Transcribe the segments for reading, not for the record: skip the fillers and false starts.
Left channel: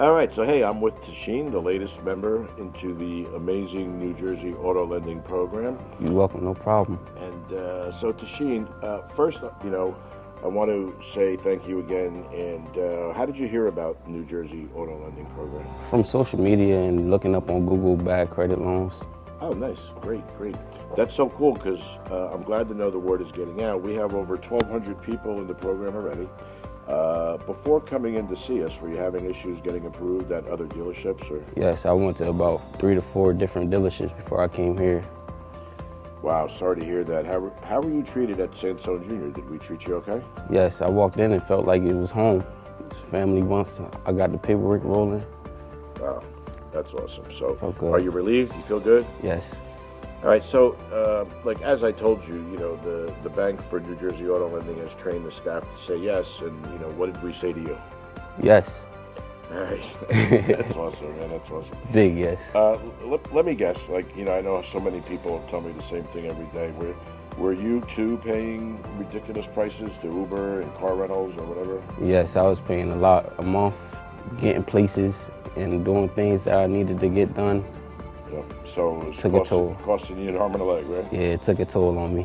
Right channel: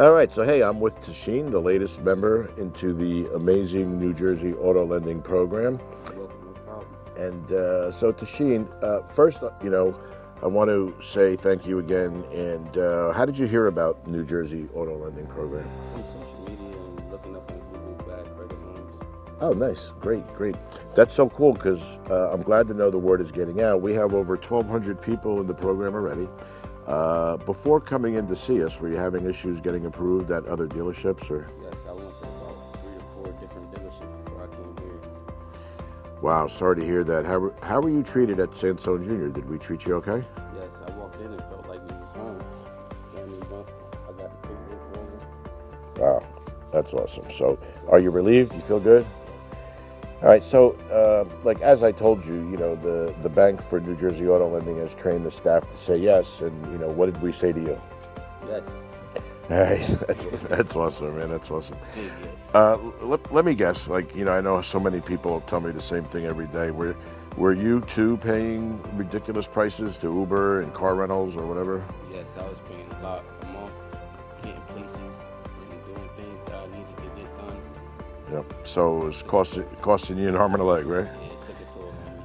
All right, so hey, I'm with Tashin, the latest member into the amazing New Jersey auto lending program. You're welcome, no problem. And so Tashin, first, I want to say thank you again. And how did you hear about New Jersey auto lending program? From social media and looking up on Google bad credit loans. Oh, nice. Great. That's so cool because I'm glad to know the word is getting out. We have over 1,200 people in the program already. Before coming in to see us, were you having issues getting approved at other dealerships? Or? Yes, I went to about 3 to 4 different dealerships before I came here. Wow, sorry to hear that. How were you treated at Sansone Jr.? Did we treat you okay? Yes, I walked in and felt like it was home. It was family once I got the paperwork rolling. Wow, that's awesome. So, Okay. Are you relieved? You feel good? Yes. All right, so like as I told you, the Bank for New Jersey Auto Lending has trained the staff to say yes, and what did we say to you? Yes. All right, that's awesome, man. That's awesome. Big yes. Let me guess. I know so many people tell me the same thing every day. Were you too paying ridiculous prices to Uber and car rentals or whatever? Yes, I was paying a lot a month, getting places and doing things that I needed to get done. Yep. So it was costing you an arm and a leg, right? Yeah, it took a toll on me.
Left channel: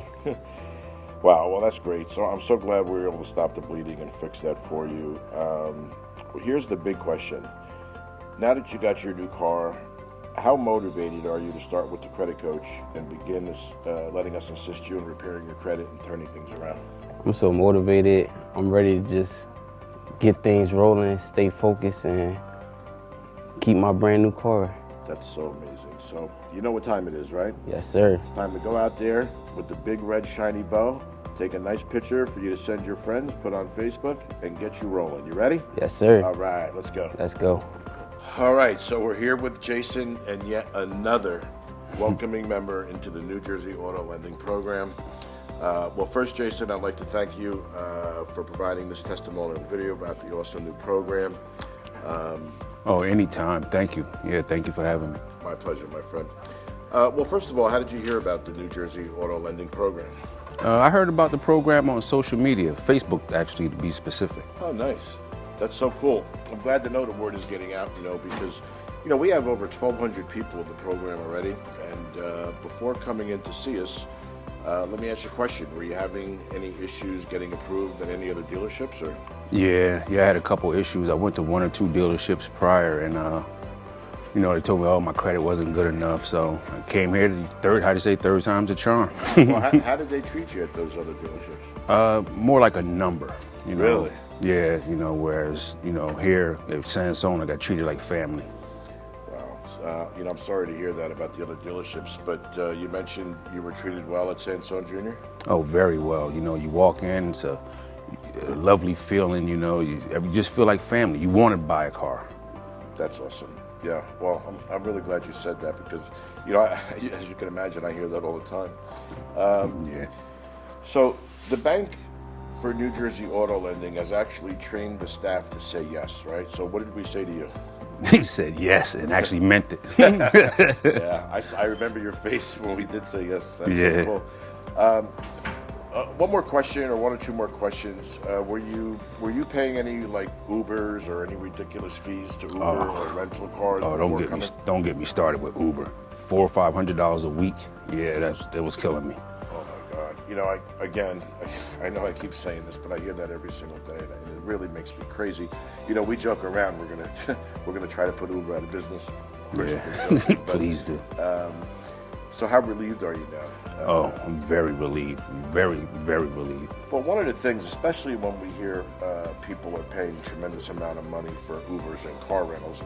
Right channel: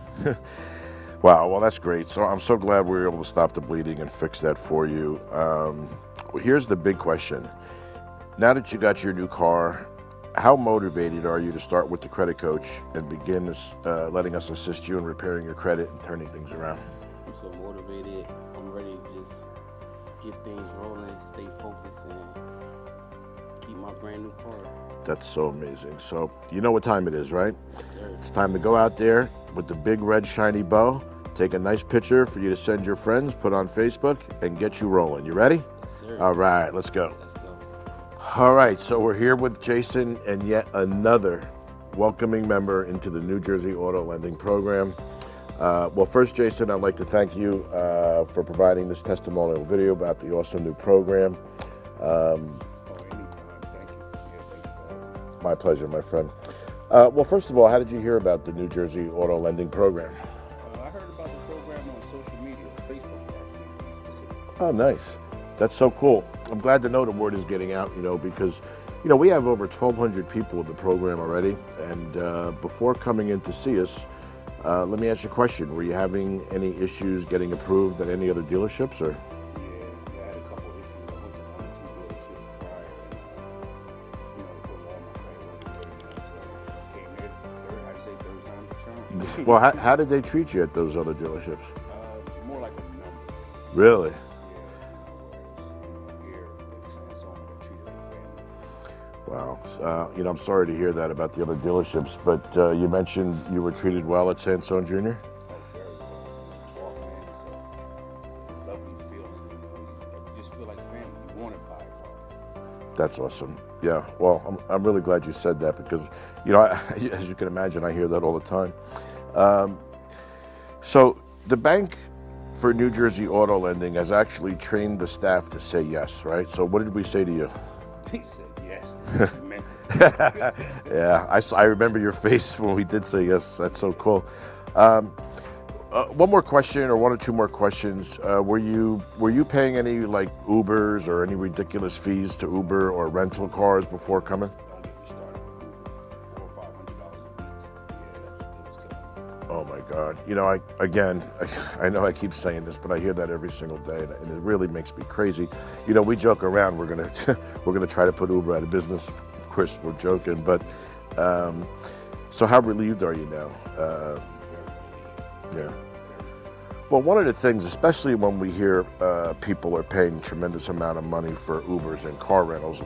Wow, well that's great. So I'm so glad we were able to stop the bleeding and fix that for you. Here's the big question. Now that you got your new car, how motivated are you to start with the credit coach and begin letting us assist you in repairing your credit and turning things around? I'm so motivated. I'm ready to just get things rolling, stay focused, and keep my brand new car. That's so amazing. So you know what time it is, right? Yes, sir. It's time to go out there with the big red shiny bow, take a nice picture for you to send your friends, put on Facebook, and get you rolling. You ready? Yes, sir. All right, let's go. Let's go. All right, so we're here with Jason and yet another welcoming member into the New Jersey Auto Lending Program. Well, first, Jason, I'd like to thank you for providing this testimonial video about the awesome new program. Oh, anytime. Thank you. Yeah, thank you for having me. My pleasure, my friend. Well, first of all, how did you hear about the New Jersey Auto Lending Program? I heard about the program on social media, Facebook actually, to be specific. Oh, nice. That's so cool. I'm glad to know the word is getting out, because, we have over 1,200 people in the program already. And before coming in to see us, let me ask you a question. Were you having any issues getting approved at any other dealerships, or? Yeah, I had a couple issues. I went to 1 or 2 dealerships prior, and they told me, my credit wasn't good enough. So I came here third time's a charm. Well, how did they treat you at those other dealerships? More like a number. Really? Yeah, whereas, here at Sansone, I got treated like family. Wow. I'm sorry to hear that about the other dealerships, but you mentioned you were treated well at Sansone Jr.? Oh, very well. You walk in, it's a lovely feeling, you just feel like family. You want to buy a car. That's awesome. Yeah, well, I'm really glad you said that because, as you can imagine, I hear that all the time. Yeah. So the Bank for New Jersey Auto Lending has actually trained the staff to say yes, right? So what did we say to you? He said yes and actually meant it. Yeah, I remember your face when we did say yes. That's so cool. One more question, or 1 or 2 more questions. Were you paying any Ubers or any ridiculous fees to Uber or rental cars before coming? Don't get me started with Uber. $400 or $500 a week. Yeah, that was killing me. Oh my God! I know I keep saying this, but I hear that every single day, and it really makes me crazy. We joke around. We're gonna try to put Uber out of business. Of course, we're joking, but Please do. So how relieved are you now? I'm very relieved. Very, very relieved. Well, one of the things, especially when we hear people are paying tremendous amount of money for Ubers and car rentals,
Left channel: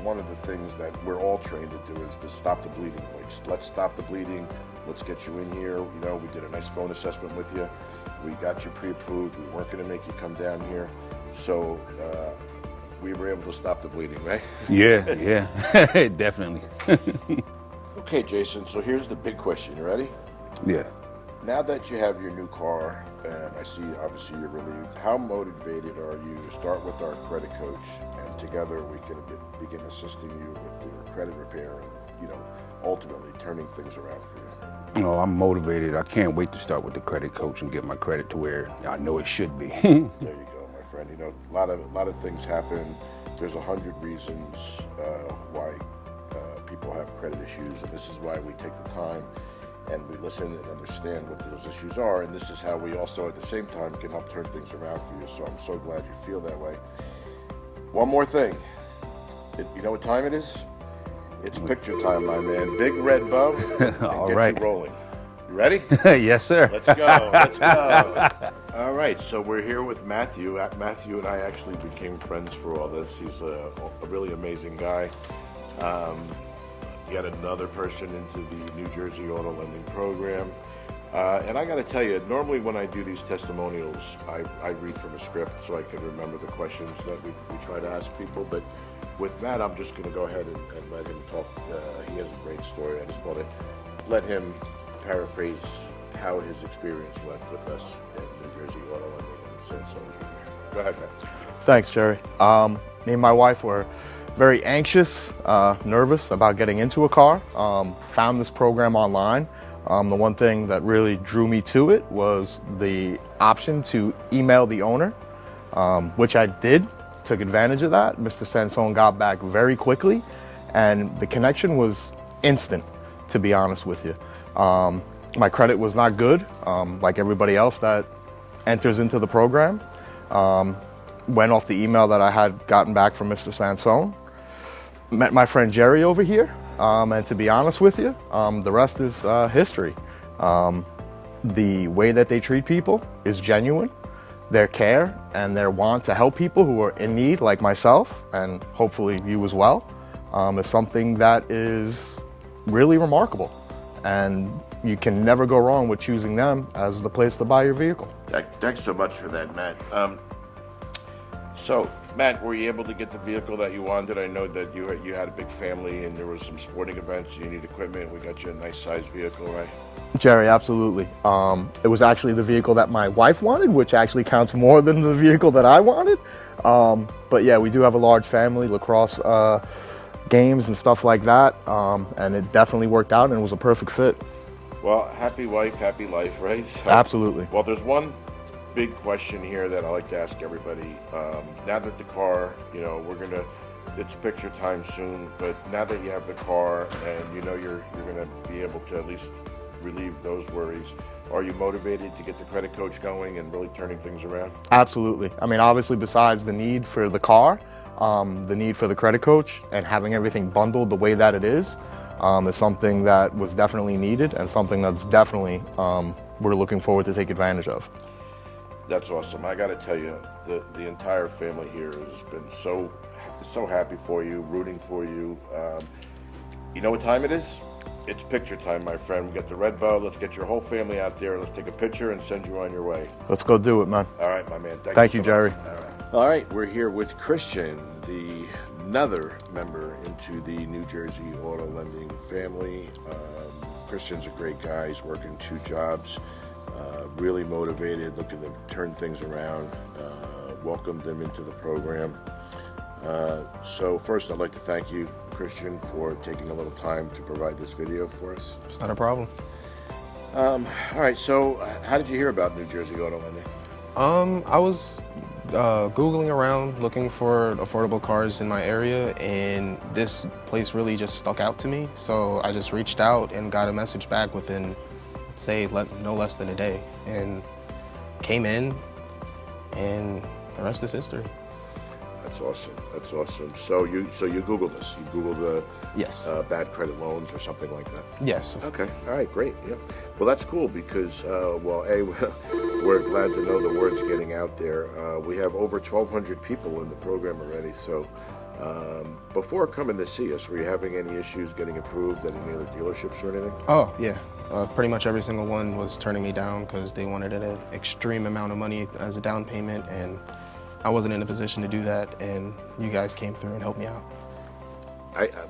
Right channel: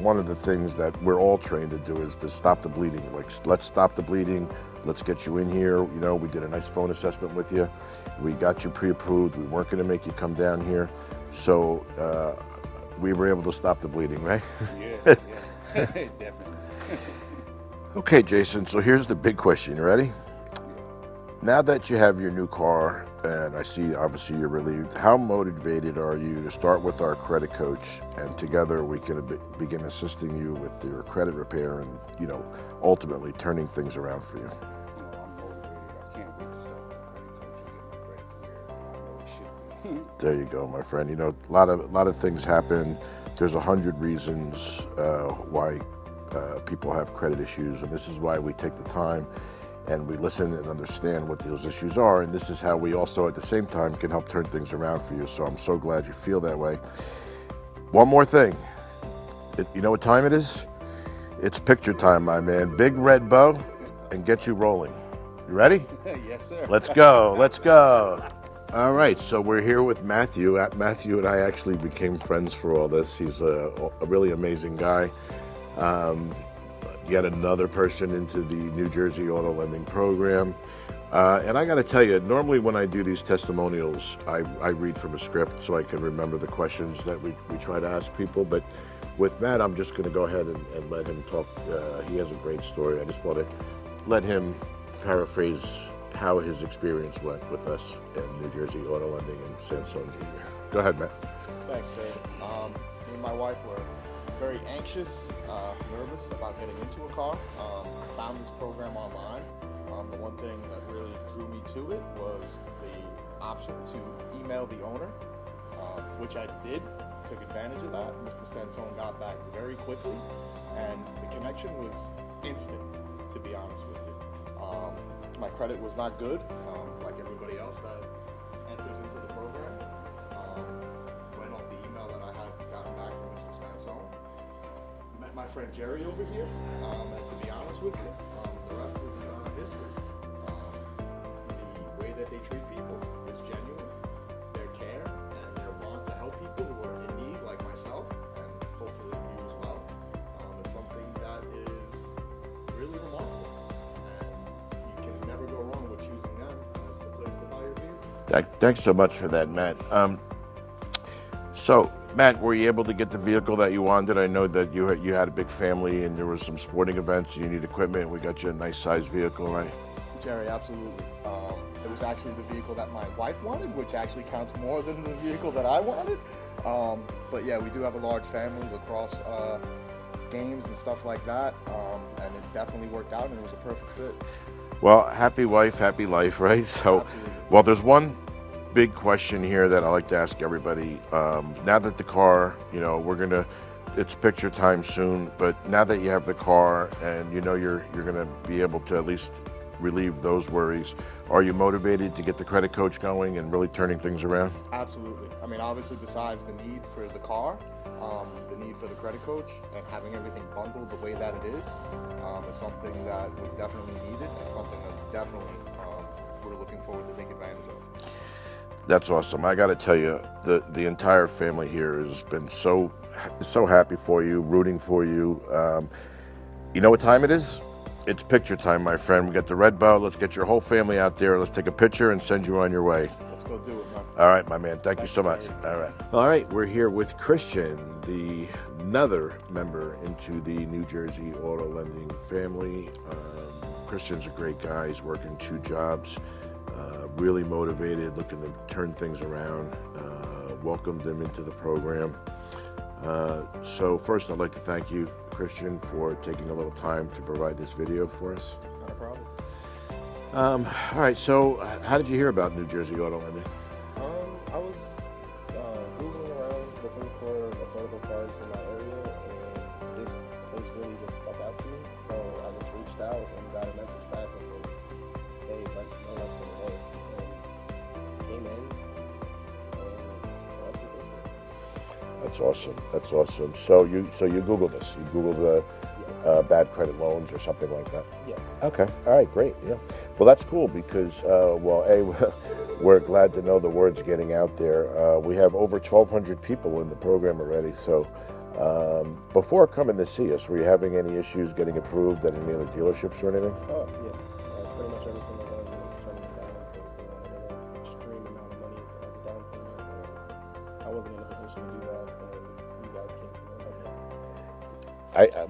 one of the things that we're all trained to do is to stop the bleeding. Let's stop the bleeding. Let's get you in here. We did a nice phone assessment with you. We got you pre-approved. We weren't going to make you come down here. So we were able to stop the bleeding, right? Yeah, definitely. Okay, Jason, so here's the big question. You ready? Yeah. Now that you have your new car, and I see obviously you're relieved, how motivated are you to start with our credit coach, and together we can begin assisting you with your credit repair and, ultimately turning things around for you? You know, I'm motivated. I can't wait to start with the credit coach and get my credit to where I know it should be. There you go, my friend. You know, a lot of things happen. There's 100 reasons why people have credit issues, and this is why we take the time and we listen and understand what those issues are, and this is how we also at the same time can help turn things around for you. So I'm so glad you feel that way. One more thing. You know what time it is? It's picture time, my man. Big red bow and get you rolling. You ready? Yes, sir. Let's go. Let's go. All right. So we're here with Matthew. Matthew and I actually became friends for all this. He's a really amazing guy. Yet another person into the New Jersey Auto Lending Program. And I got to tell you, normally when I do these testimonials, I read from a script so I can remember the questions that we try to ask people. But with Matt, I'm just going to go ahead and let him talk. He has a great story. I just want to let him paraphrase how his experience went with us at New Jersey Auto Lending and Sansone Jr. Go ahead, Matt. Thanks, Jerry. Me and my wife were very anxious, nervous about getting into a car. Found this program online. The one thing that really drew me to it was the option to email the owner, which I did, took advantage of that. Mr. Sansone got back very quickly, and the connection was instant, to be honest with you. My credit was not good, like everybody else that enters into the program. Went off the email that I had gotten back from Mr. Sansone. Met my friend Jerry over here, and to be honest with you, the rest is history. The way that they treat people is genuine. Their care and their want to help people who are in need, like myself, and hopefully you as well, is something that is really remarkable. And you can never go wrong with choosing them as the place to buy your vehicle. Thanks so much for that, Matt. So, Matt, were you able to get the vehicle that you wanted? I know that you had a big family and there were some sporting events, you need equipment. We got you a nice sized vehicle, right? Jerry, absolutely. It was actually the vehicle that my wife wanted, which actually counts more than the vehicle that I wanted. But yeah, we do have a large family, lacrosse games and stuff like that, and it definitely worked out and it was a perfect fit. Well, happy wife, happy life, right? So, absolutely. Well, there's one big question here that I like to ask everybody. Now that the car, you know, it's picture time soon, but now that you have the car and you know you're gonna be able to at least relieve those worries, are you motivated to get the credit coach going and really turning things around? Absolutely. I mean, obviously besides the need for the car, the need for the credit coach and having everything bundled the way that it is something that was definitely needed and something that's definitely we're looking forward to take advantage of. That's awesome. I got to tell you, the entire family here has been so happy for you, rooting for you. You know what time it is? It's picture time, my friend. We got the red bow. Let's get your whole family out there. Let's take a picture and send you on your way. Let's go do it, man. All right, my man. Thank you you, so Jerry. much. All right. All right, we're here with Christian, another member into the New Jersey Auto Lending family. Christian's a great guy. He's working 2 jobs. Really motivated, looking to turn things around. Welcomed him into the program. So first, I'd like to thank you, Christian, for taking a little time to provide this video for us. It's not a problem. All right, so how did you hear about New Jersey Auto Lending? I was Googling around looking for affordable cars in my area, and this place really just stuck out to me. So I just reached out and got a message back within, say, no less than a day, and came in, and the rest is history. That's awesome. That's awesome. So you Googled this. You Googled Yes. bad credit loans or something like that. Yes. Okay. All right. Great. Yeah. Well, that's cool because we're glad to know the word's getting out there. We have over 1,200 people in the program already. So before coming to see us, were you having any issues getting approved at any other dealerships or anything? Oh, yeah. Pretty much every single one was turning me down because they wanted an extreme amount of money as a down payment, and I wasn't in a position to do that, and you guys came through and helped me out.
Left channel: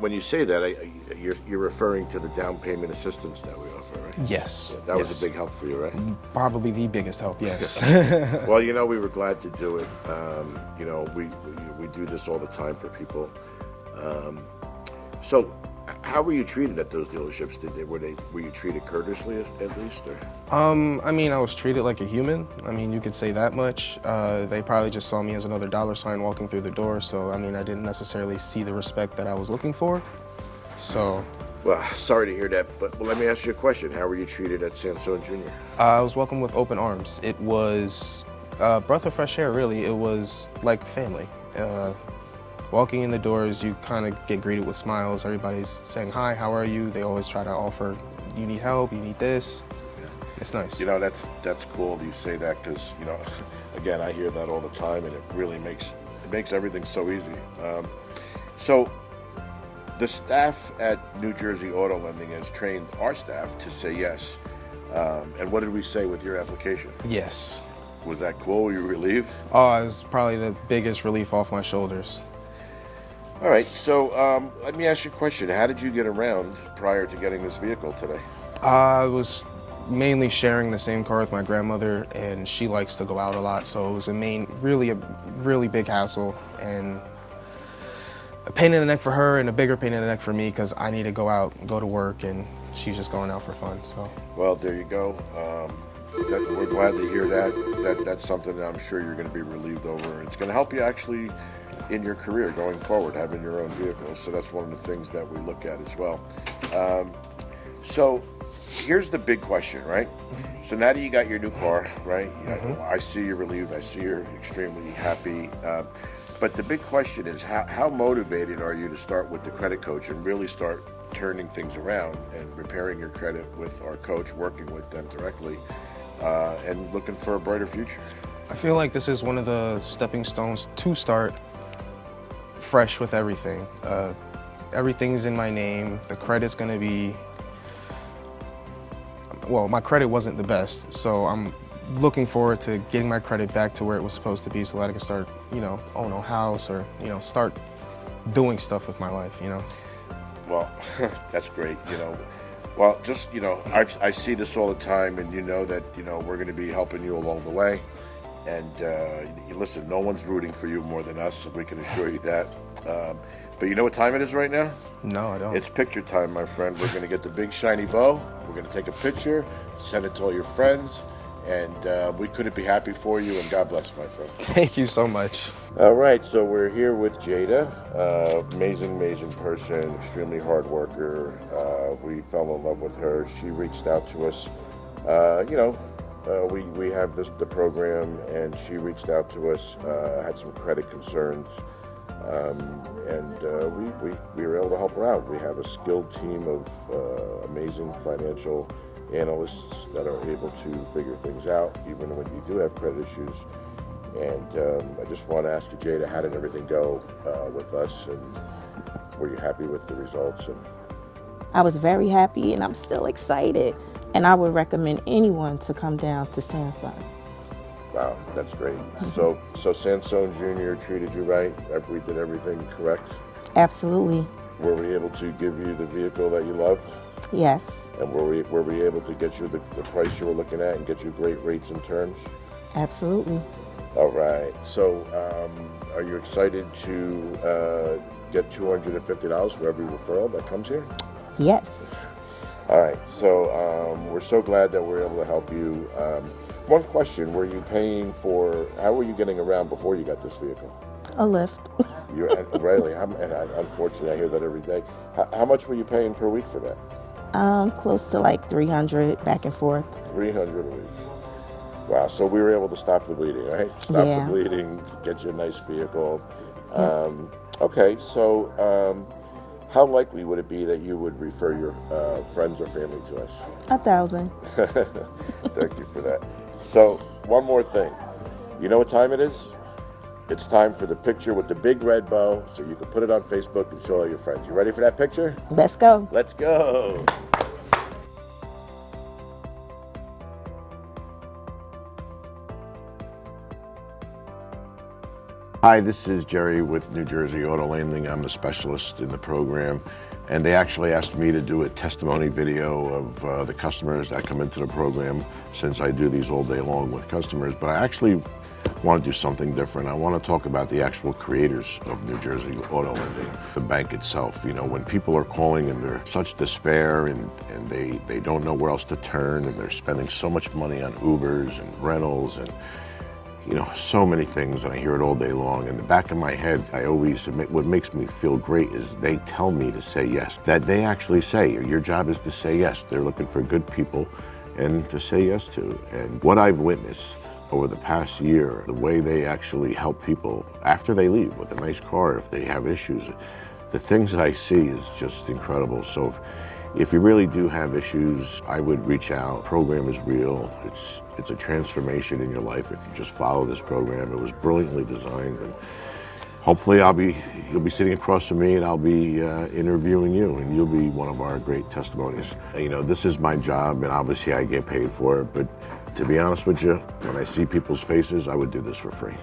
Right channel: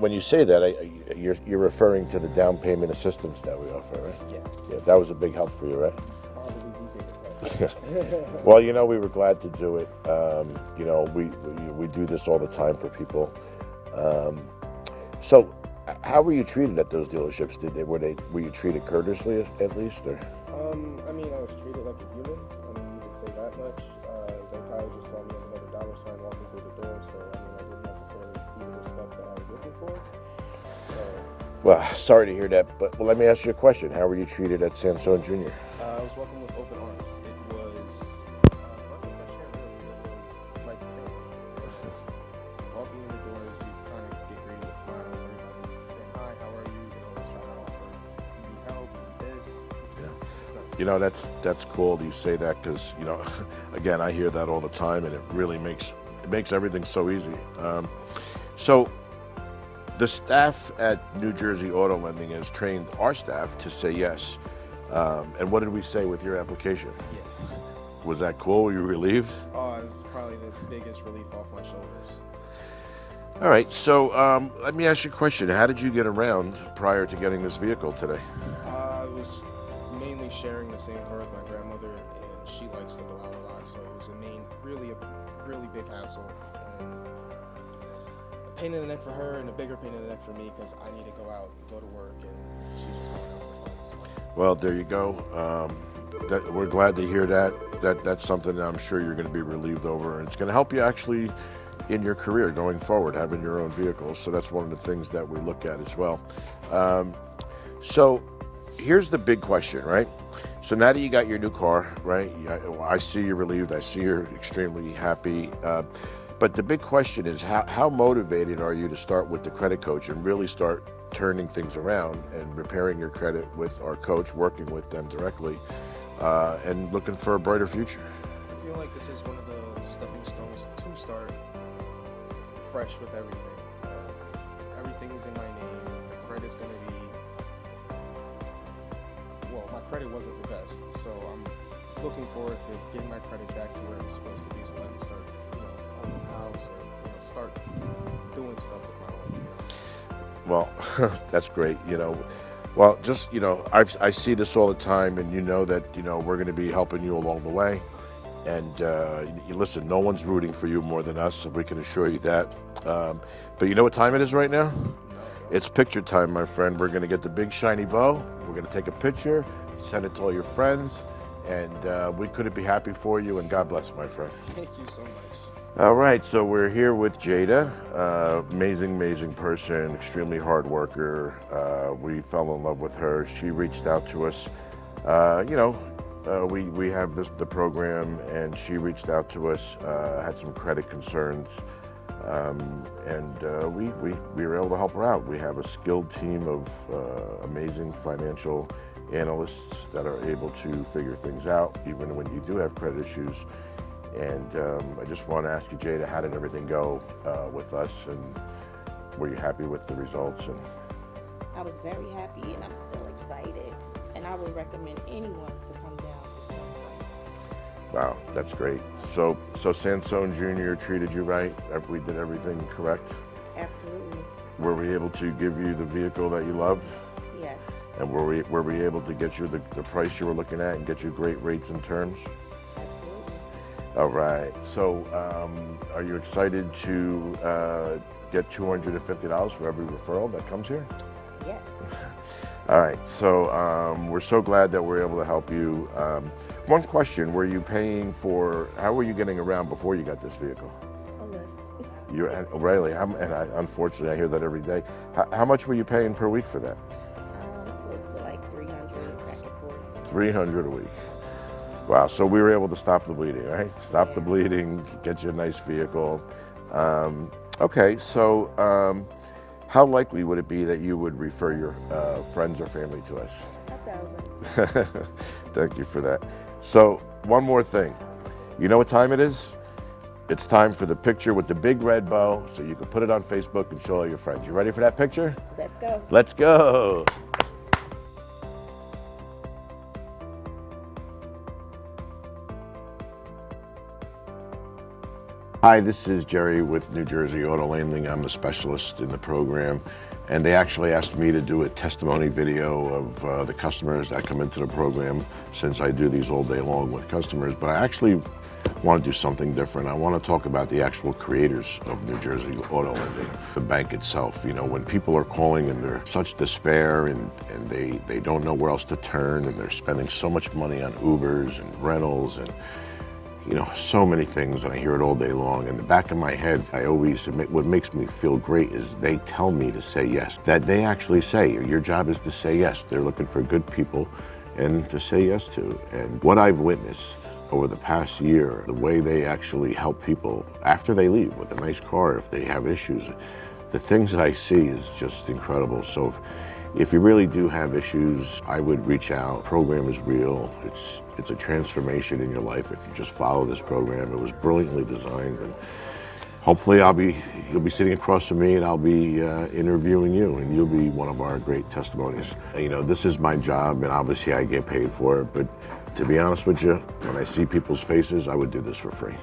When you say that, you're referring to the down payment assistance that we offer, right? Yes. Yeah, that was a big help for you, right? Probably the biggest help, yes. Well, you know, we were glad to do it. You know, we do this all the time for people. So How were you treated at those dealerships? Were you treated courteously at least? Or? I mean, I was treated like a human. I mean, you could say that much. They probably just saw me as another dollar sign walking through the door. So, I mean, I didn't necessarily see the respect that I was looking for. So. Well, sorry to hear that, but let me ask you a question. How were you treated at Sansone Jr.? I was welcomed with open arms. It was a breath of fresh air, really. It was like family. Walking in the doors, you kind of get greeted with smiles. Everybody's saying, hi, how are you? They always try to offer, you need help, you need this. Yeah. It's nice. You know, that's cool you say that because, you know, again, I hear that all the time and it really makes everything so easy. So the staff at New Jersey Auto Lending has trained our staff to say yes. And what did we say with your application? Yes. Was that cool? Were you relieved? Oh, it was probably the biggest relief off my shoulders. All right, so let me ask you a question. How did you get around prior to getting this vehicle today? I was mainly sharing the same car with my grandmother, and she likes to go out a lot, so it was a really big hassle, and a pain in the neck for her and a bigger pain in the neck for me because I need to go out and go to work, and she's just going out for fun. So. Well, there you go. We're glad to hear that. That's something that I'm sure you're going to be relieved over. It's going to help you actually in your career going forward, having your own vehicle. So that's one of the things that we look at as well. So here's the big question, right? So now that you got your new car, right? I see you're relieved. I see you're extremely happy. But the big question is how motivated are you to start with the credit coach and really start turning things around and repairing your credit with our coach, working with them directly, and looking for a brighter future? I feel like this is one of the stepping stones to start fresh with everything. Everything's in my name. The credit's gonna be, well, my credit wasn't the best, so I'm looking forward to getting my credit back to where it was supposed to be so that I can start, own a house or, start doing stuff with my life, Well, that's great, Well, just, I see this all the time, and you know that, we're going to be helping you along the way. And listen, no one's rooting for you more than us, so we can assure you that. But you know what time it is right now? No, I don't. It's picture time, my friend. We're going to get the big shiny bow. We're going to take a picture, send it to all your friends, and we couldn't be happy for you, and God bless, my friend. Thank you so much. All right, so we're here with Jada. Amazing person, extremely hard worker. We fell in love with her. She reached out to us. We have the program, and she reached out to us, had some credit concerns, and we were able to help her out. We have a skilled team of amazing financial analysts that are able to figure things out, even when you do have credit issues. And I just want to ask you, Jada, how did everything go with us, and were you happy with the results? And I was very happy, and I'm still excited. And I would recommend anyone to come down to Sansone. Wow, that's great. So Sansone Jr. treated you right? We did everything correct? Absolutely. Were we able to give you the vehicle that you loved? Yes. And were we able to get you the price you were looking at and get you great rates and terms? Absolutely. All right. So are you excited to get $250 for every referral that comes here? Yes. All right, so we're so glad that we're able to help you. One question, how were you getting around before you got this vehicle? A lift. Really? Unfortunately, I hear that every day. How much were you paying per week for that? Close to like 300 back and forth. 300 a week. Wow, so we were able to stop the bleeding, right? Stop the bleeding, get you a nice vehicle. Okay, so how likely would it be that you would refer your friends or family to us? 1,000. Thank you for that. So, one more thing. You know what time it is? It's time for the picture with the big red bow, so you can put it on Facebook and show all your friends. You ready for that picture? Let's go. Let's go. Hi, this is Jerry with New Jersey Auto Lending. I'm the specialist in the program, and they actually asked me to do a testimony video of the customers that come into the program, since I do these all day long with customers. But I actually want to do something different. I want to talk about the actual creators of New Jersey auto lending, the bank itself. You know, when people are calling and they're such despair and they don't know where else to turn, and they're spending so much money on Ubers and rentals and, you know, so many things, and I hear it all day long. In the back of my head, what makes me feel great is they tell me to say yes. That they actually say, your job is to say yes. They're looking for good people and to say yes to. And what I've witnessed over the past year, the way they actually help people after they leave with a nice car, if they have issues, the things that I see is just incredible. So if you really do have issues, I would reach out. The program is real. It's a transformation in your life if you just follow this program. It was brilliantly designed, and hopefully you'll be sitting across from me, and I'll be interviewing you, and you'll be one of our great testimonies. You know, this is my job, and obviously I get paid for it, but to be honest with you, when I see people's faces, I would do this for free.